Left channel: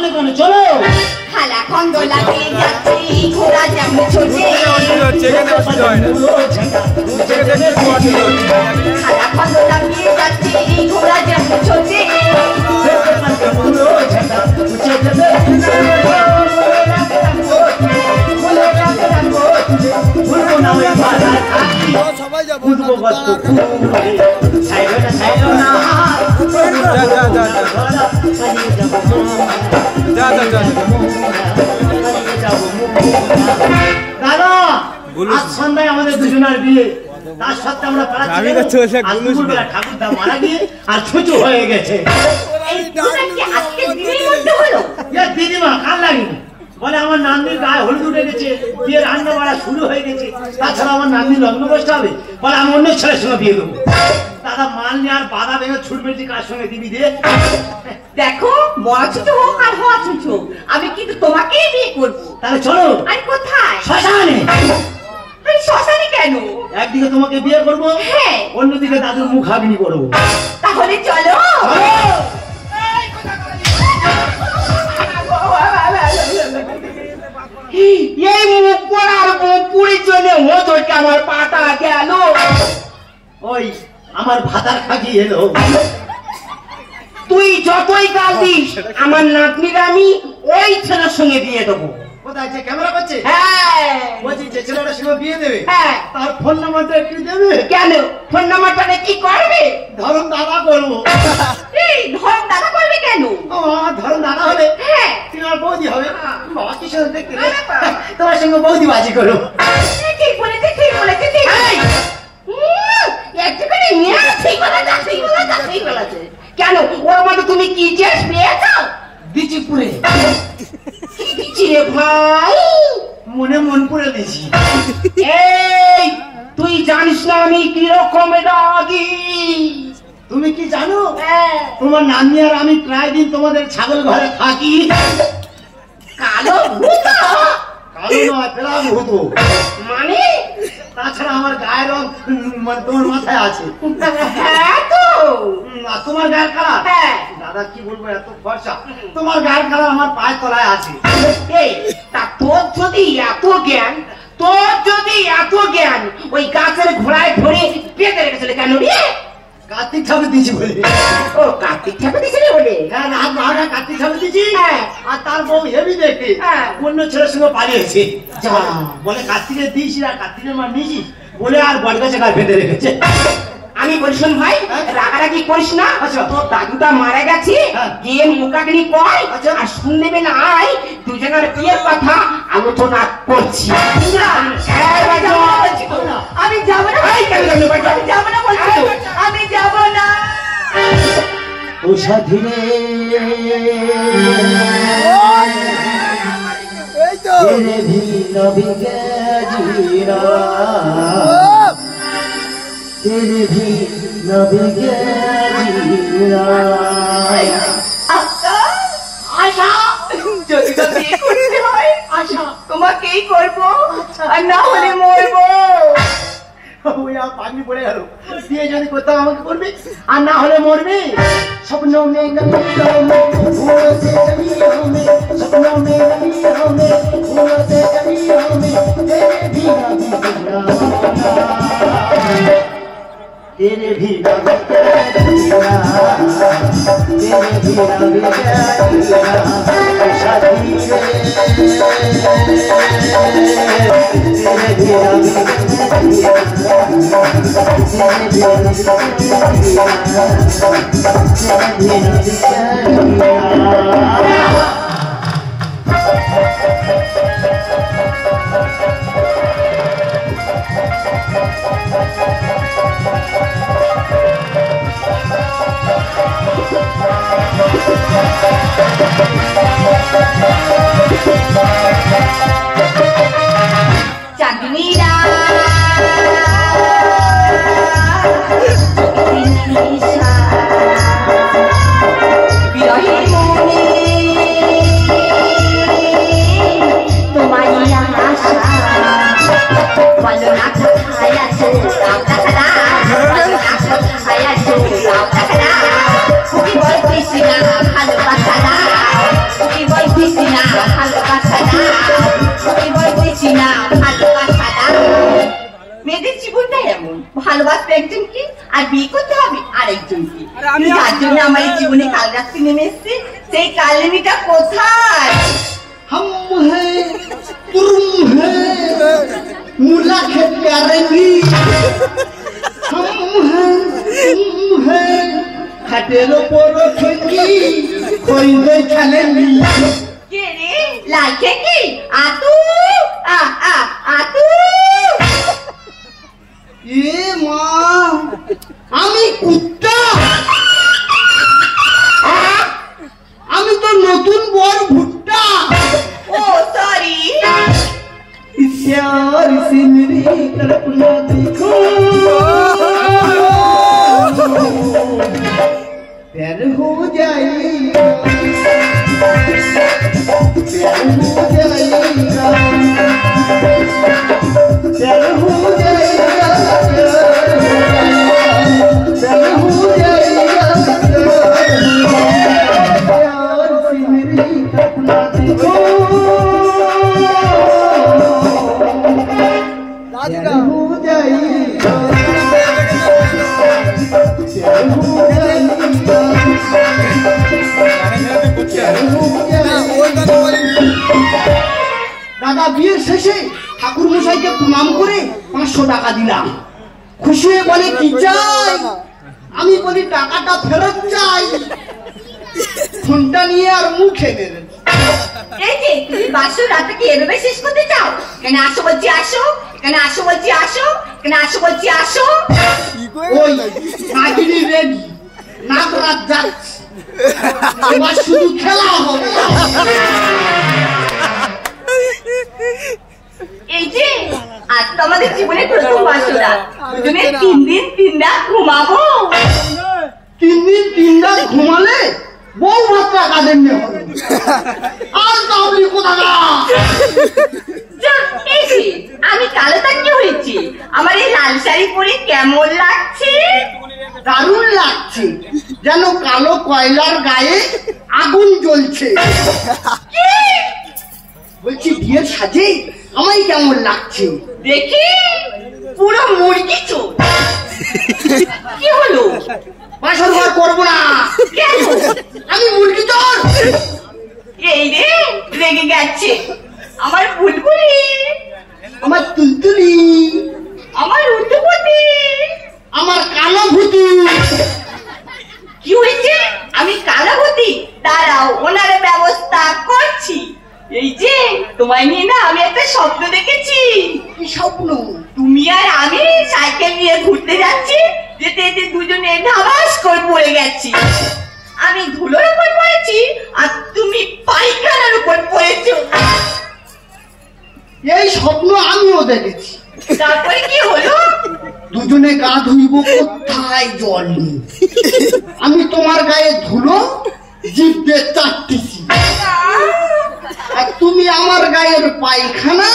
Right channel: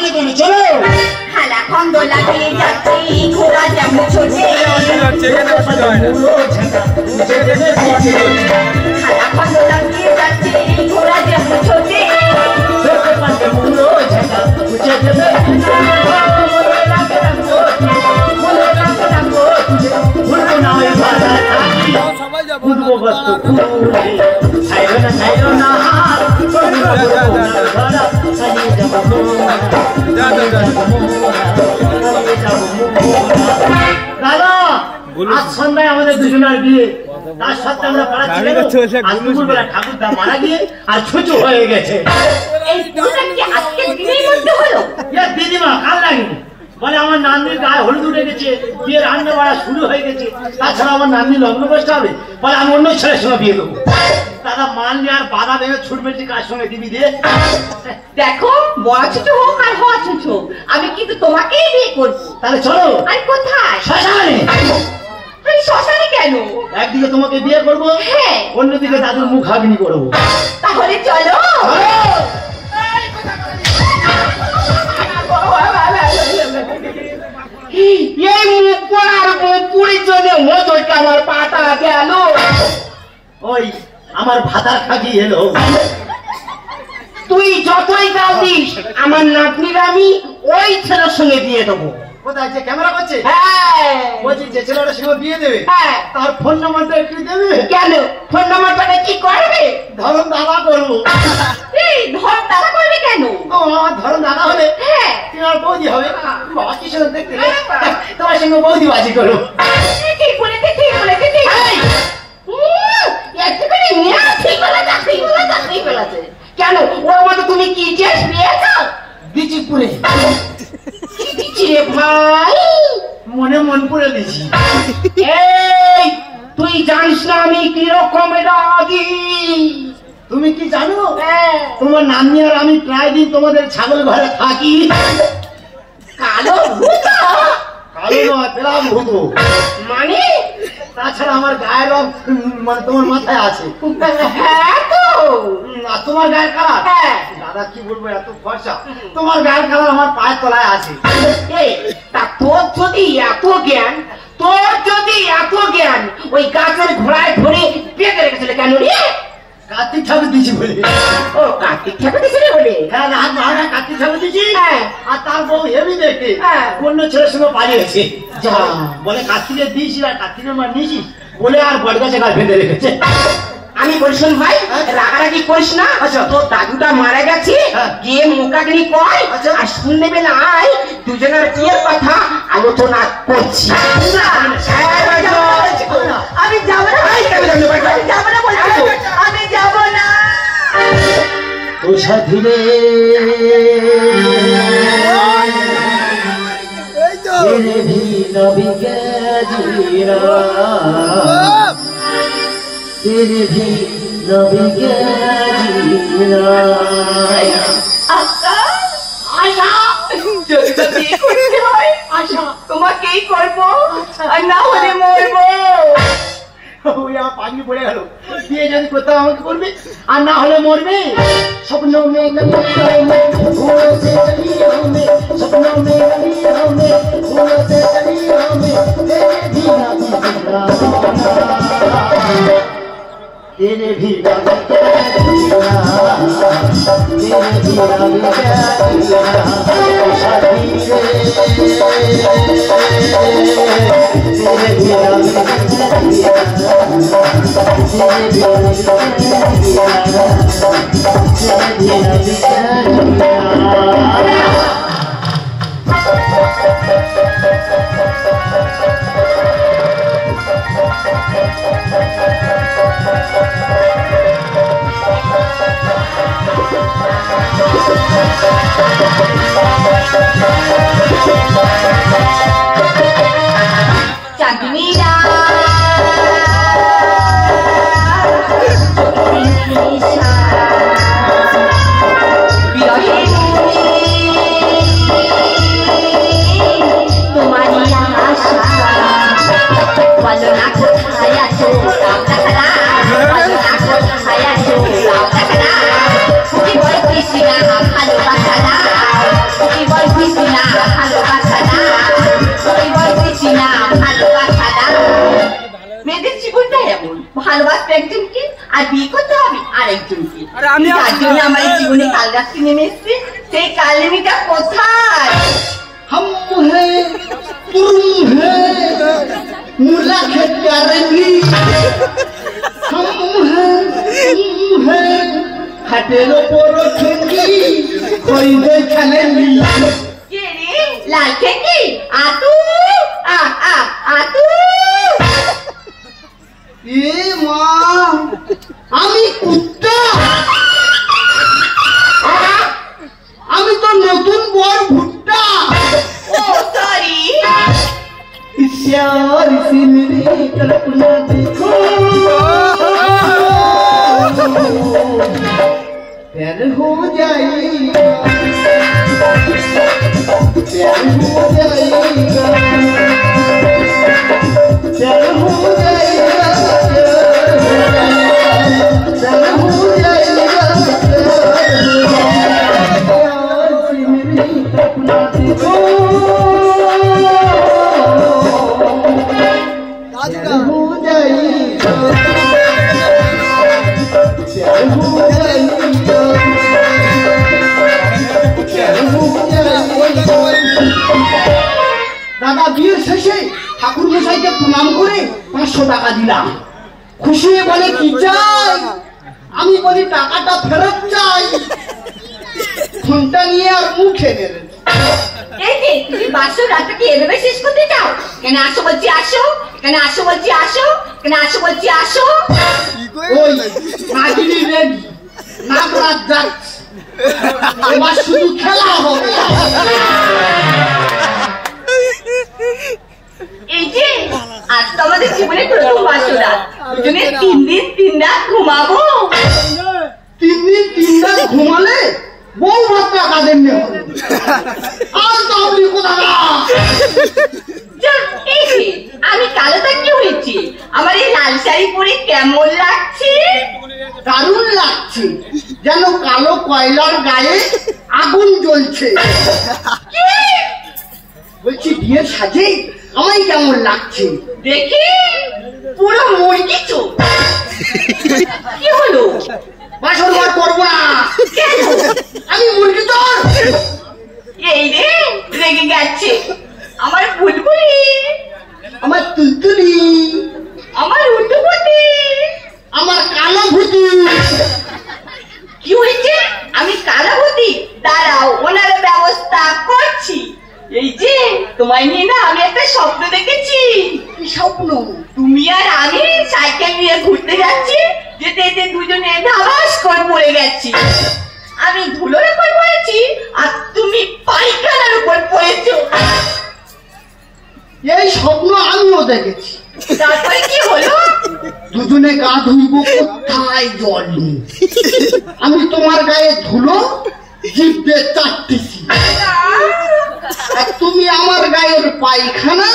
ভাবলে কোনে চলো খালা খন্দ লাগিয়ে যাচ্ছে ঘোড়া যেমন ছোটে খালা খন্দ লাগিয়ে যাচ্ছে ঘোড়া যেমন ছোটে সন্ধ্যায় আমাদের দুজনের বিয়ে তার সত্ত্বে আমরা ঠাকুরদা মারা গিয়ে আর ছুচু হয়ে গেছে দিদিমা কাল লাগেনি বলে আমার নান্দির গায়ে হলুদ উঠে গেছে বিয়ের রান্না বাড়া শুরু হয়ে গেছে তাছাড়া আমার নান্দি লগ্ন বসতে হবে বলে আমি অন্য ছেলের সঙ্গে বিয়ে দেবো দাদা মানলি আর বাধা ভেঙে ছুটবে যে কার সঙ্গে দিবি দিয়ে দেখো মরা ছুচু হোক আর হওয়া ছুচু আমি কিন্তু তোমাকেই বিয়ে করবো তাহলে চলো আর কোথায় শ্মশানে শ্মশানে কেন একদিকে তোমাকে বিয়ে করবো হ্যাঁ অন্যদিকে দাদুর মুখ হাগনি করবো তাহলে চলো আমার পাটা গেল ওই আমার ভাতার খাগি এলো তুই যতই গাল দিস আমার নাতনির আমি ওই ছেলের সঙ্গে বিয়ে দেবো কোথায় যে ক্যামেরা করছে হ্যাঁ বলছি যে ছেলেটার সঙ্গে বিয়ে দেবে হ্যাঁ তার ফোন নাম্বারটা একটু দেবে কেন ফোন নাম্বারটা কি করবে ধরুন দাদা করবো এই ধর দাদা করবে কেন আমার ধরুন দাদা হলে হ্যাঁ তোমার বৌদি হবে বাবা কি সুন্দর দেখতে তোমার সঙ্গে বৌদি বাজি করো ঠিক বলেছে ঠিক বলেছে ঠিক একটুখানি নিয়ে ঠিক বলেছে ঠিক বলেছে ঠিক বলেছে কেন ওর মধ্যে তুমি কি চেস পেয়েছো দিচ্ছি পুরে দিচ্ছি রে ভাই মনে মন করে দিচ্ছি এই তুই জানিস না আমি কিরকম রাগি তুমি কি জানো তোমার নানি আর আমি প্রায় দিন তোমাদের ছাগল ঘরে থাকি কালো ভূত কালো পেলাম হতো মানে তাছাড়া আমার গায়ের রং মানে তোমার মাথায় আছে হ্যাঁ তো আর তোমার গায়ের কালার হ্যাঁ দাদা কি বলবো এত ফর্সা তোমার গায়ের কালার আমার পায়ের তলায় আছে এই তা তোর যদি এত জ্ঞান ওই গাছের ঘোড়ায় ধরে পেতে রেখেছিল কেন রে কার্তিক ঠাকুর দিয়েছি বলে ও কার্তিক ঠাকুর দিয়েছিল বলে না না আমরা কার্তিক ঠাকুর দিয়েছি হ্যাঁ আর তার বউ হেভি দেখে হ্যাঁ অন্য ছেলের সঙ্গে পালিয়েছে যা বলে কার্তিকের দিয়েছি আর কার্তিকের মা নিয়েছিস বলে আর বড় গাছে গাছ বেঁধে রেখেছে আমি বলছি ভাই রাগারাগি করিস না আচ্ছা তোর দাদুটা মারা গেছে হ্যাঁ গিয়ে মুখাগ্নি কর আচ্ছা আর শুনতে পেলে আয় দুজনের বিয়ের কথা আলোচনা করছি আমি যাবো না আমি যাবো না বলছি আমি যাবো না ও সাধীরে तेरे भी नबी के जीरा तेरे भी नबी के जीरा আশা যদি তো বিয়ে করতে হয় আশা তোমাকেই করবো আর না হলে মরবো পানি পড়ে গেল বিয়ে যদি করতে আমাকে করবে আর না হলে মরবে सपनों में कभी हमें फूलों से चली हमें सपनों में कभी हमें फूलों से चली हमें तेरे भी চাঁদনীরা ভালোবাসা ভালোবাসবে একজনকে আর বিয়ে করতে হবে আরেকজনকে। যার জন্য আমার এই জীবনে কাল রাত্রি নেমে এসছে, সেই কালিনীটা কোথায়? हम हैं तुम हैं मुला के प्यारे भी हम हैं तुम हैं खाटेलो पोरो ठेकी कोई दे खेलेनी কে রে? লাল ঠেকি? আতু আতু। এ মা আমি কুত্তা, আমি তো নতুন বর ভুট্টা। ও সরি। प्यार से मेरी कल्पना देखो प्यार हो जाएगा, प्यार हो जाएगा, प्यार हो जाएगा, प्यार हो जाएगा, प्यार से मेरी कल्पना देखो দাদা বিয়ের শেষে ঠাকুর মশাইকে প্রণাম করে 500 টাকা দিলাম। খুশি হয়ে বলে কি চাই? আমি বলি টাকাটা ফেরত চাই। ফোনটা নিয়ে আর মুখে গেলেন। এই যে তুমি বাসো রাতটা কি এভাবে শেষ করতে চাও? কেন আসো বলছি আসো, কেন আসো বলছি আসো, কেন আসো বলছি আসো। ওই নাগিনি রেডি, নাগরাজ যাচ্ছে, এবার শুধু খেলা হবে। এই যে আজ তো আমাদের জীবনে প্রথম বাসরা, দুজনে 3 দিন 3 রাত ঘুমাবো। 3 দিন 3 রাত ঘুমালে বউ বাচ্চা কাদের নিয়ে হবে? আর তাহলে কোথায়? যা, এই যে আমি কালোটা কি হয়েছি? আমার এই লাল শাড়ি পরে কেমন লাগছে? দারুণ লাগছে, যেন কালো কয়লার গায়ে আগুন জ্বলছে। কি? বলছি বিয়ের সাজে আমায় কেমন লাগছে? দেখি পুরো মুরগি চোখ। কি হলো? বাসর ঘর করবো না, কেন? আমি মুরগি তোর। এই রে রেগে গেছে আমার বুলবুলি, আমার তুলতুলি, আমার উঠোপটি, আমার কালো ভূতি। কি হয়েছে? আমি কালাবতী? দাঁড়াও, ওনার ব্যবস্থা করছি। এই যে তোমায় নিয়ে না আমি একটা স্বপ্ন দেখেছি। কি স্বপ্ন? তুমি আর আমি সাইকেল নিয়ে ঘুরতে যাচ্ছি, যেতে যেতে দুজনে ধাবাস করে পড়ে গেছি। আমি ধুলোর উপর পড়েছি আর তুমি পায়খানার উপর পড়েছো। এই স্বপ্ন আমিও দেখেছি। তারপরে কি হলো? দুজনে গা ধুইব, কোথায় জল নেই। আমি তোমার গায়ে ধুলো জিভ দিয়ে চাটতেছি, আর তুমি আমার গায়ের পায়খানা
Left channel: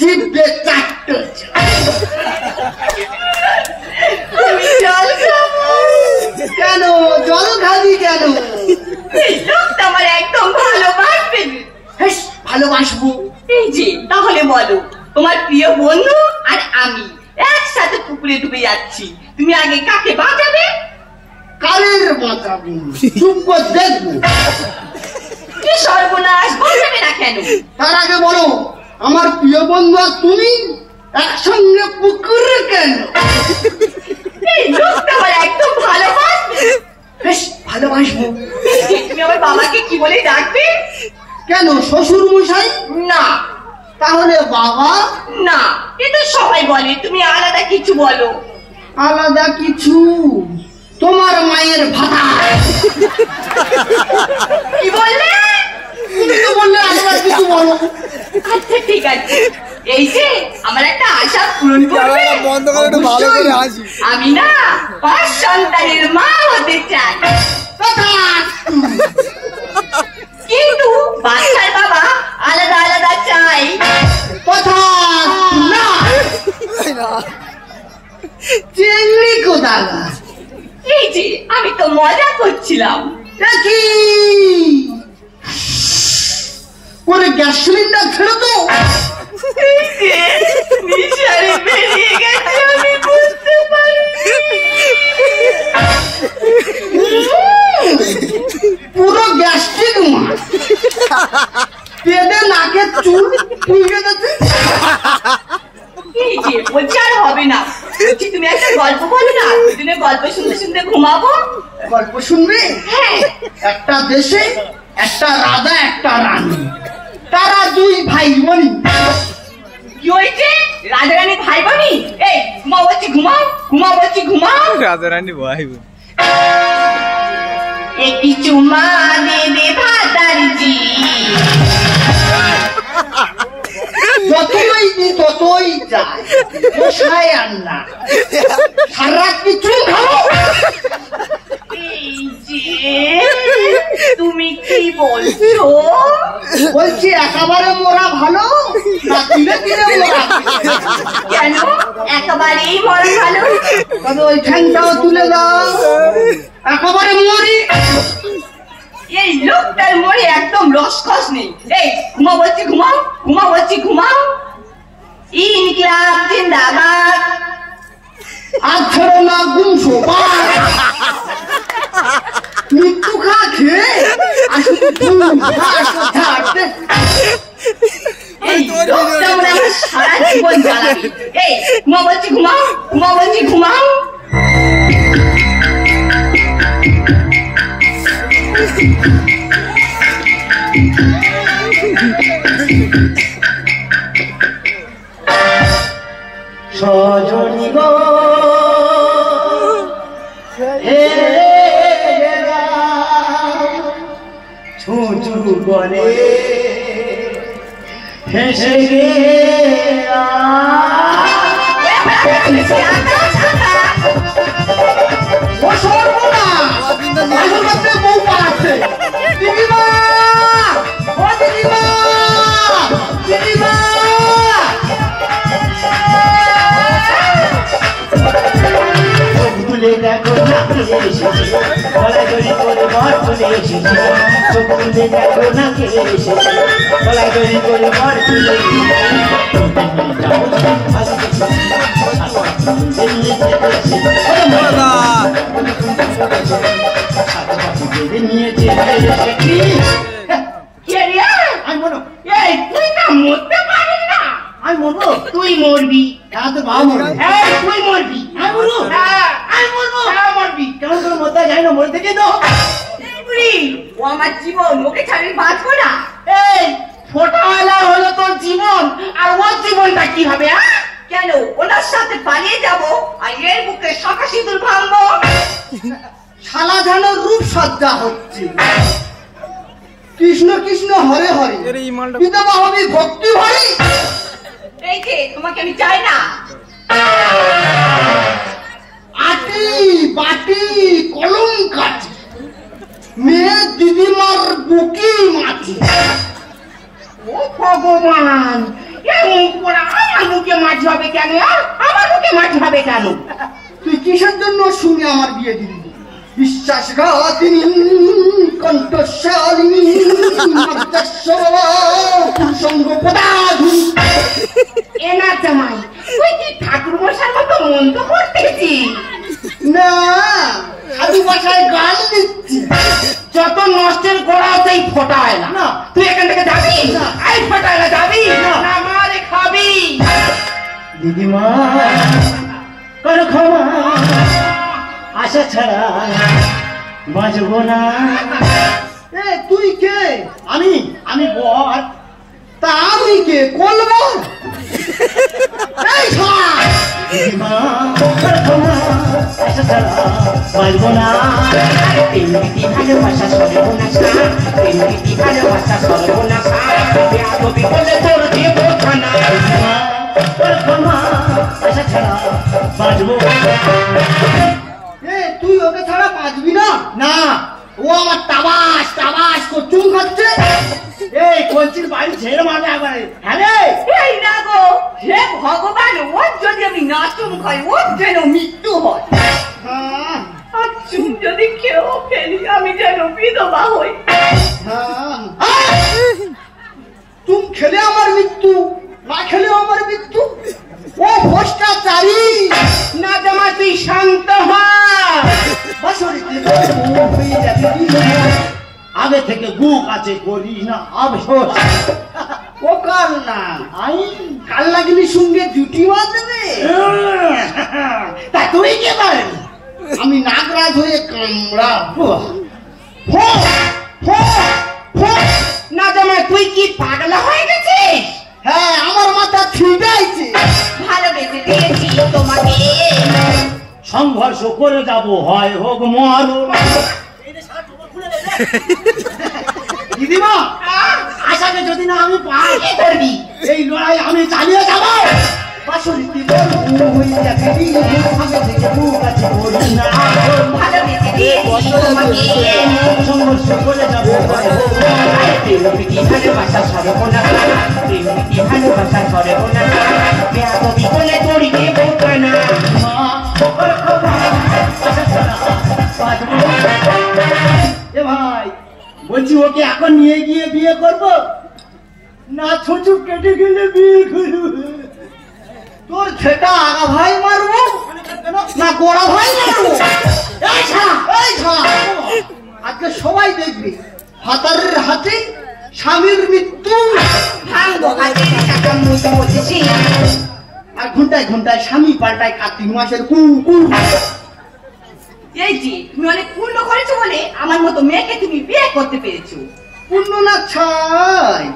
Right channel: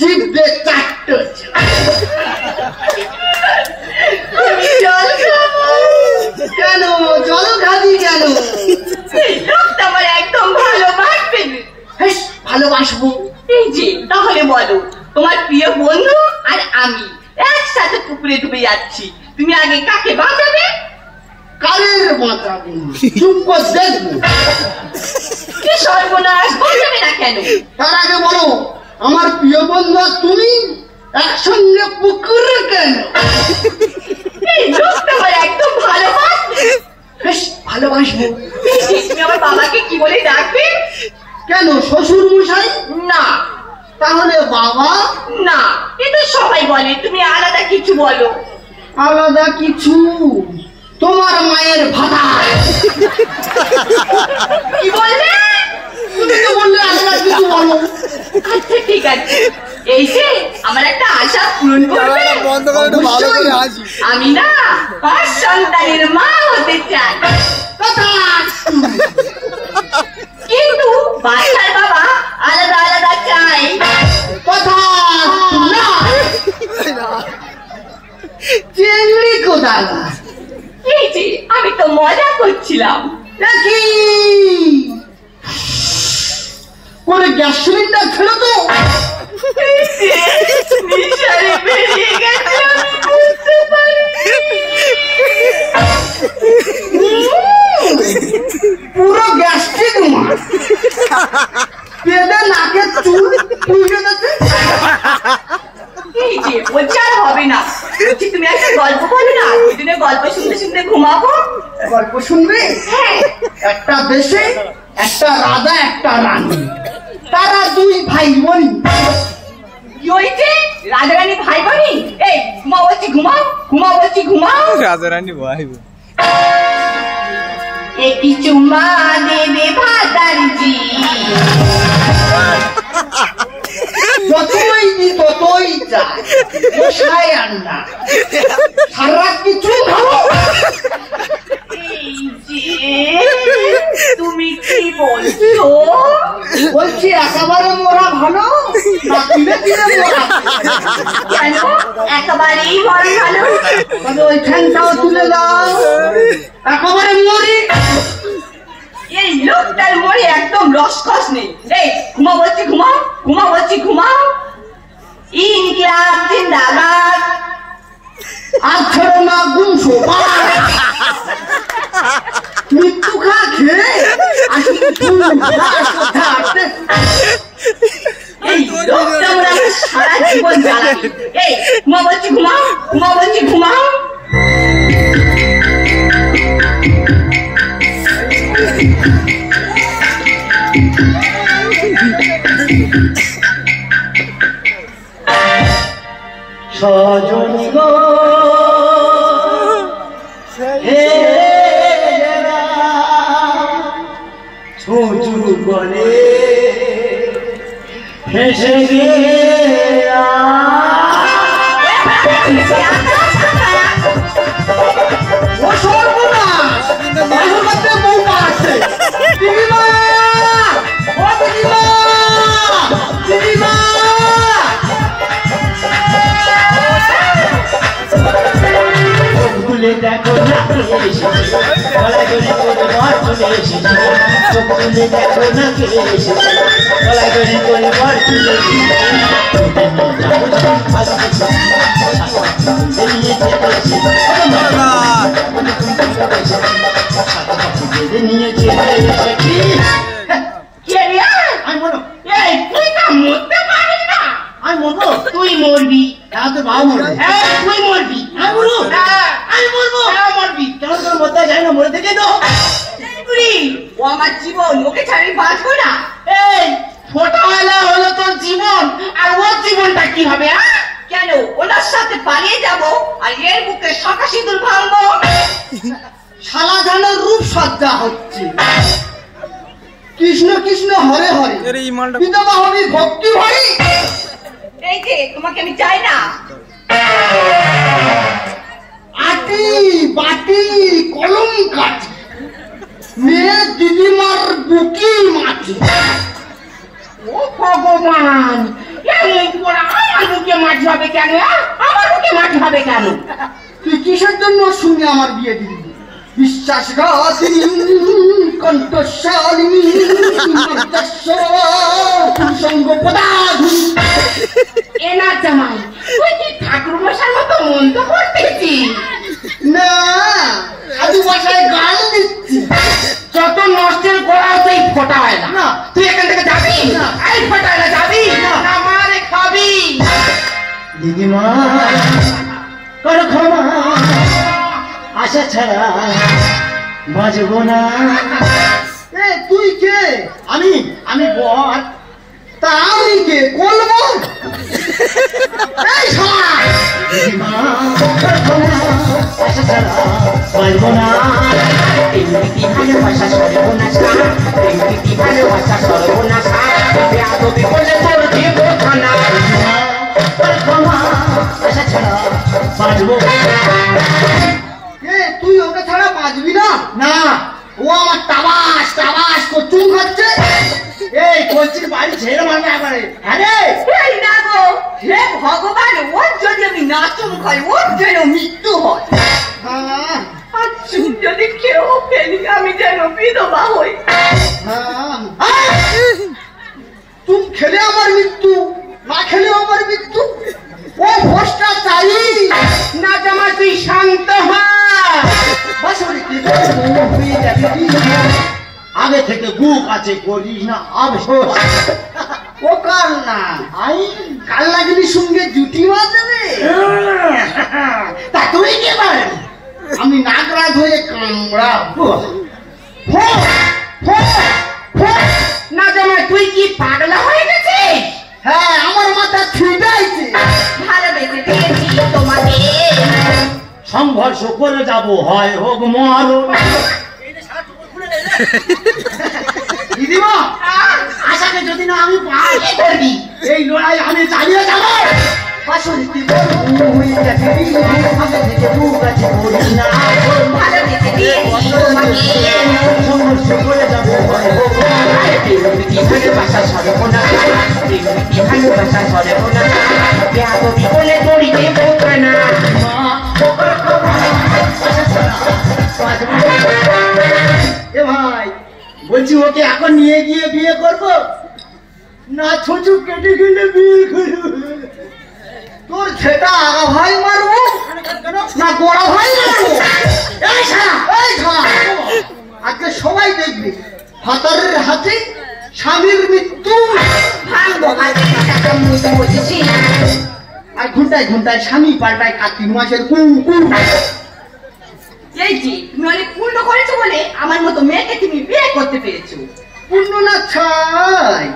জিভ দিয়ে চাটতেছ। তুমি জল খাবো? কেন জল খাবি কেন? এই লোকটা আমার একদম ভালোবাসবে না। হেস, ভালোবাসবো। এই যে তাহলে বলো, তোমার প্রিয় বন্ধু আর আমি একসাথে পুকুরে ডুবে যাচ্ছি, তুমি আগে কাকে বাঁচাবে? কালের বাঁচাবি, চুপ করে দেখবো। কি সর্বনাশ, বাঁচাবে না কেন? তার আগে বলো, আমার প্রিয় বন্ধু আর তুমি একসঙ্গে পুকুরে কেন? এই লোকটা আমার একদম ভালোবাসবে। বেশ, ভালোবাসবো। তুমি আমার বাবাকে কি বলে ডাকবে? কেন, শ্বশুর মশাই? না তাহলে বাবা? না, কিন্তু সবাই বলে, তুমি আলাদা কিছু বলো। আলাদা কিছু? তোমার মায়ের ভাতা। কি বলবে? তুমি তো বললে আলাদা কিছু বলো। আচ্ছা ঠিক আছে, এই যে আমার একটা আশা পূরণ করবে। বন্ধ করে একটু ভালো করে হাসি। আমি না 5 সন্তানের মা হতে চাই, কিন্তু বাচ্চার বাবা আলাদা আলাদা চাই। চিংড়ি কোথায়? এই যে আমি তো মজা করছিলাম। দেখি কোন গ্যাস সিলিন্ডার ছিল তো? নিঃশ্বাসে বেরিয়ে গেছে, আমি বুঝতে পুরো গ্যাস্ট্রিক মাছ পেটে নাকে চুল বেঁধেছে। এই যে বলছি আর হবে না, বলছি তুমি একটা গল্প বলো না, দুজনে গল্প শুনতে শুনতে ঘুমাবো। গল্প শুনবে? হ্যাঁ। একটা দেশে একটা রাজা একটা রানী, তারা দুই ভাই বোন। কি হয়েছে? রাজা রানী ভাই বোনি? এই ঘুমাও বলছি ঘুমাও, ঘুমাও বলছি ঘুমাও। রাজা রানী ভাই বোন। একটি চুমা দেবে ভাতারিজি, যতই দি ততই যায়, পোষায় আর না, সারা কিছু ভালো। এই যে তুমি কি বলছো? বলছি একেবারে মোরা ভালো না ধীরে ধীরে মোরা? কেন একেবারেই বড় ভালো? তবে ওই ঠ্যাংটাও তুলে দাও, একেবারে মরি। এই লোকটার মরে একদম রসকস নেই। এই ঘুমা বলছি ঘুমাও, ঘুমা বলছি ঘুমাও। ইনকিলাব জিন্দাবাদ। আর ছেড়ো না গুমছো মৃত্যু খা খেয়ে এই লোকটা মনে হয় সারা জীবন জ্বালাবি। এই ঘুমা বলছি ঘুমাও, ঘুমা বলছি ঘুমাও। সজনী গো হে ছুঁচু করে হেসে গেলা। ও সর্বনাশ, বাড়ির মধ্যে বউ পালাচ্ছে। দিদিমা, ও দিদিমা, দিদিমা। তুলে দেখো না কে এসেছে, গলা ধরে করে ঘর চলে এসেছে। চোখ তুলে দেখো না কে এসেছে, গলা ধরে করে ঘর চলে নিয়েছে। তুই না মরতে পারিস না, আমি মরবো, তুই মরবি। তোর বাবা মরবে। তুই মরবি। আমি মরবো, আমি মরবো, মরবি কেন? তোর মরতে যাই না, মরে থেকে দাও। ও আমার জীবন, ওকে ছাড়ি বাঁচবো না। এই ফোটাওয়ালা হলো তোর জীবন, আর ওর জীবনটা কি হবে? কেন ওনার সাথে পালিয়ে যাব আর এর বুকে শাঁখা সিঁদুর ভাঙবো? শালা যেন রূপ সজ্জা হচ্ছে। কৃষ্ণ কৃষ্ণ হরে হরে, পিতা বাহবী ভক্তি হরি। এই যে তোমাকে আমি চাই না। আটি বাটি কলম কাটি, মেয়ে দিদিমার বুকি মাটি। ও ভগবান, আমার বুকে মাটি হবে কেন? আমার বুকে মাটি হবে কেন? তুই কিসের জন্য শুনে আমার বিয়ে দিবি? বিশ্বাসঘাতিনী কণ্ঠস্বালিনী সঙ্গ পদাধুনী। এ না জামাই, তুই কি ঠাকুর মশার মতো মন্ত্র করতেছি? না, সাধু ভাষায় গাল দিচ্ছি। যত নষ্টের গোড়া হচ্ছে এই ফোটা হয় না। তুই এখান থেকে যাবি না, এই ফোটা না যাবি না, মারে খাবি। দিদিমা করো ক্ষমা, আশা ছাড়া বাঁচবো না। এ তুই কে? আমি বর। তা আমি কে? কলব? এই শালা! দিদিমা করো ক্ষমা, আশা ছাড়া বাঁচবো না। তিনটি ভালোবাসা সর্বনাশ, তিনটি ভালোবাসা সর্বনাশ। বেয়াদবি বলে তোর দেব খানা। করো ক্ষমা, আশা ছাড়া বাঁচবো এ তুই ওকে ছাড়া বাঁচবি না? না। ও আমার টাবাস টাবাস করে চুল খাচ্ছে। এই কলচির বাড়ি ছেড়ে মারবে একবারে। হ্যাঁ রে, এই না গো, হে ভগবান, ওর যদি আমি নাচন খাই, ওর যেন মৃত্যু হয়। হ্যাঁ, আর চুল যদি কেউ ফেলি, আমি যেন বিধবা হই। হ্যাঁ। তুমি খেলে আমার মৃত্যু, না খেলে আমার মৃত্যু। ও ভ্রষ্টাচারী। না জামা তুই শান্ত হয়ে যাবে আগে থেকে বুক আছে করিস না আফসোস। ও কাল না আই কাল লাগলি সঙ্গে জুটি বাঁধবে তা তুই কি করেন? আমি নাগরাজ হয়ে কামড়াবো না জামাই তুই কি পাগলা হয়ে গেছিস? হ্যাঁ আমার মাথা ছিটে আছে ভালোবেসে দিয়েছি তোমাকে, সংঘর্ষ করে যাব হয় হোক মরণ। দিদিমা আশাকে যদি না আমি পাই কি করবি? এই লড়াই আমি চালিয়ে যাব। বাসন্তী বউ হয়ে যাবে আগে থেকে বুক আছে করিস না ভালোবেসে দিয়েছি তোমাকে, সংঘর্ষ করে যাব হয় হোক প্রেমপ্রীতি ভালোবাসা সরব না, প্রেমপ্রীতি ভালোবাসা সরব না, বেয়াদবি বলে দড়িতে বোকা না। এ ভাই বলছি ওকে এখন নিয়ে গিয়ে বিয়ে করব না ছুঁচু কেটে গেলে বিয়ে করব? তোর ছেটা আগা ভাই মারবো না গোড়া ভাই মারবো? এই শালা, এই শালা। আজকে সবাই দেখবে হাতারের হাতে স্বামীর মৃত্যু ভাঙবো হাতে টাকা মুখ বলছি, আর ঘন্টায় ঘন্টায় স্বামী পাল্টায় কার্তিক মাসের কু কু। এই যে তুমি অনেক পূর্ণ করেছো বলে আমার মতো মেয়েকে তুমি বিয়ে করতে পেরেছো। পূর্ণ না ছাই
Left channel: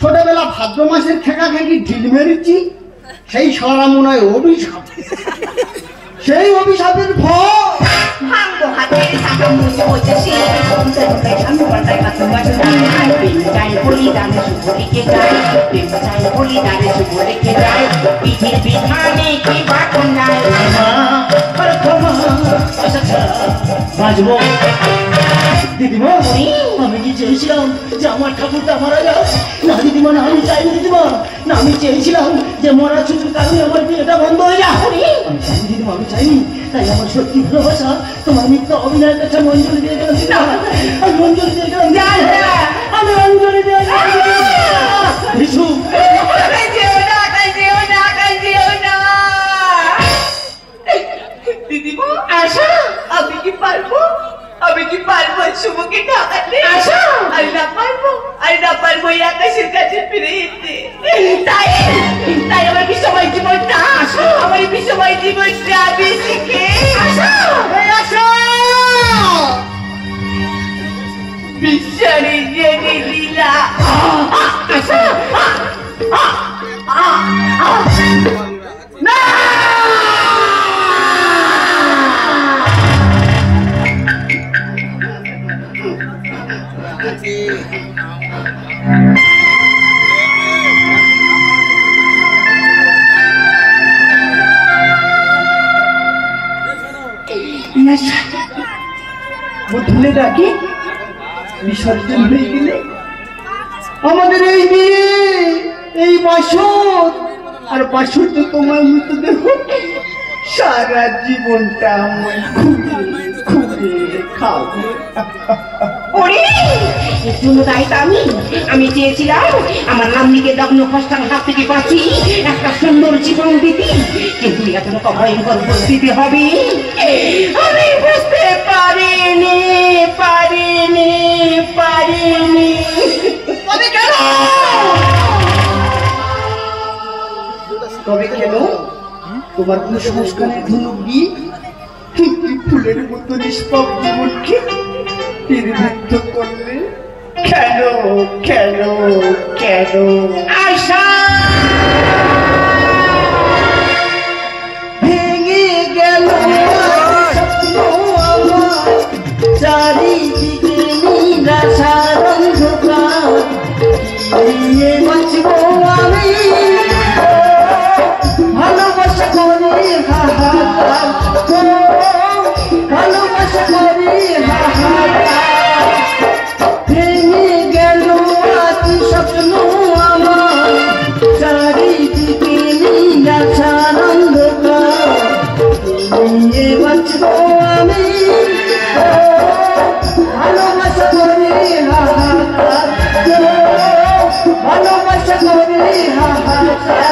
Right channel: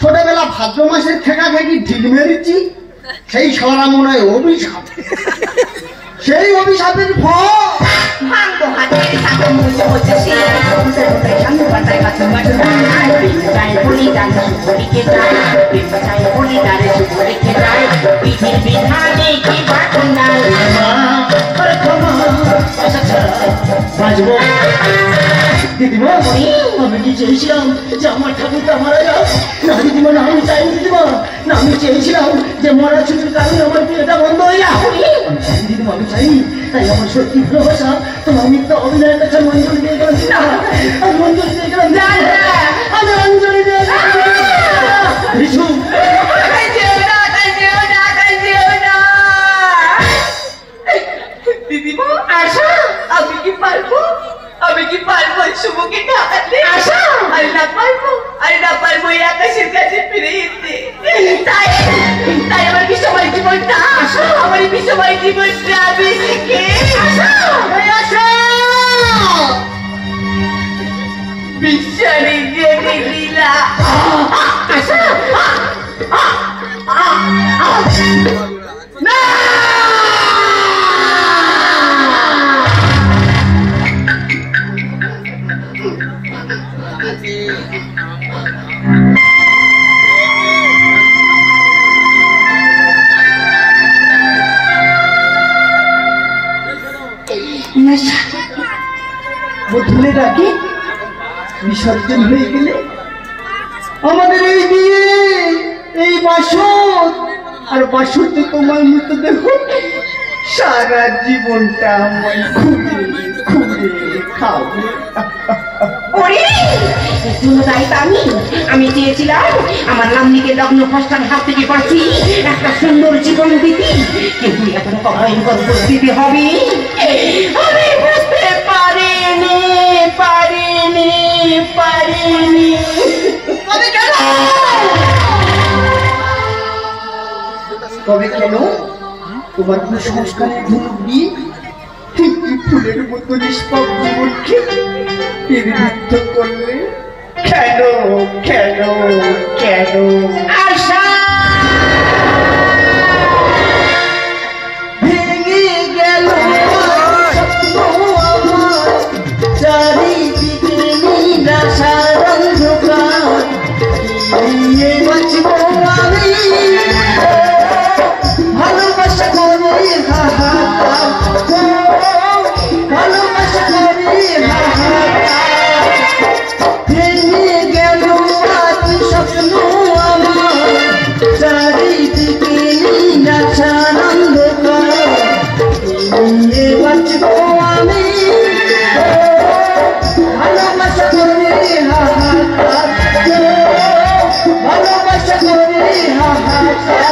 ছোটবেলা ভাদ্র মাসের ঠেকা খেকি ঢিল মেরেছি, সেই সারা মনে হয় অভিশাপ, সেই অভিশাপের ফল। ভাঙবো হাতে টাকা মুখ বলছি, স্বামী পাল্টায় কাছে প্রেম চাই বলি দানে শুভ লিখে যায়, প্রেম চাই বলি দানে শুভ লিখে যায়, বিধির বিধানে কি বাকি নাই। বাঁচবো দিদিমা, আমি কি চেয়েছিলাম যে আমার ঠাকুরটা মারা যাও? না দিদিমা, না আমি চাইনি দিদিমা, না আমি চেয়েছিলাম যে মরা ছুটির কারণে আমার বিয়েটা বন্ধ হয়ে যাও। দিদিমা আমি চাইনি, তাই আমার সত্যি ভালোবাসা তোমার মিথ্যা অভিনয়ের কাছে মঞ্জুরি দিয়ে গেলাম। আমি মঞ্জুরি দিয়ে গেলাম, আমি মঞ্জুরি দিয়ে গেলাম। দিদিমা আশা, আমি কি পারবো? আমি কি পারবো শুভকে ঢাকাতে? আশা আমি না পারবো, আমি না পারবো এই আকাশের কাছে ফিরে যেতে। তাই তাই আমার বিশ্বময় জীবনটা, আমার বিশ্বময় জীবনটা আমি শিখে বিশ্বারে জেনে দিলা। না ধুলে ডাকি বিসর্জন হয়ে গেলে আমাদের এই বিয়ে, এই বাসর আর বাসরতে তোমার মতো দেখো সারা জীবনটা আমায় খুঁজে খুঁজে খাবে। আমি চেয়েছিলাম আমার নামনিকে লগ্ন কষ্টার হাত থেকে বাঁচি একটা সুন্দর জীবন দিতি, কিন্তু এত রকম ভয়ঙ্কর পরিস্থিতি হবে আমি বুঝতে পারিনি। তবে কেন তোমার কুসংস্কারের ধনুক দিয়ে ফুলের মতো নিষ্পাপ জীবনকে নির্বিদ্ধ করলে কেন কেন কেন? আশা ভেঙে গেল চারিদিকে নিরাশার অন্ধকার, নিয়ে বাঁচবো আমি ভালোবাসা করে হাহাকার, ভালোবাসা করে হাহাকার। ভেঙে গেল আজ স্বপ্ন আমার, চারিদিকে নিরাশার অন্ধকার, নিয়ে বাঁচবো আমি ভালোবাসা করে হাহাকার, ভালোবাসা করে হাহাকার।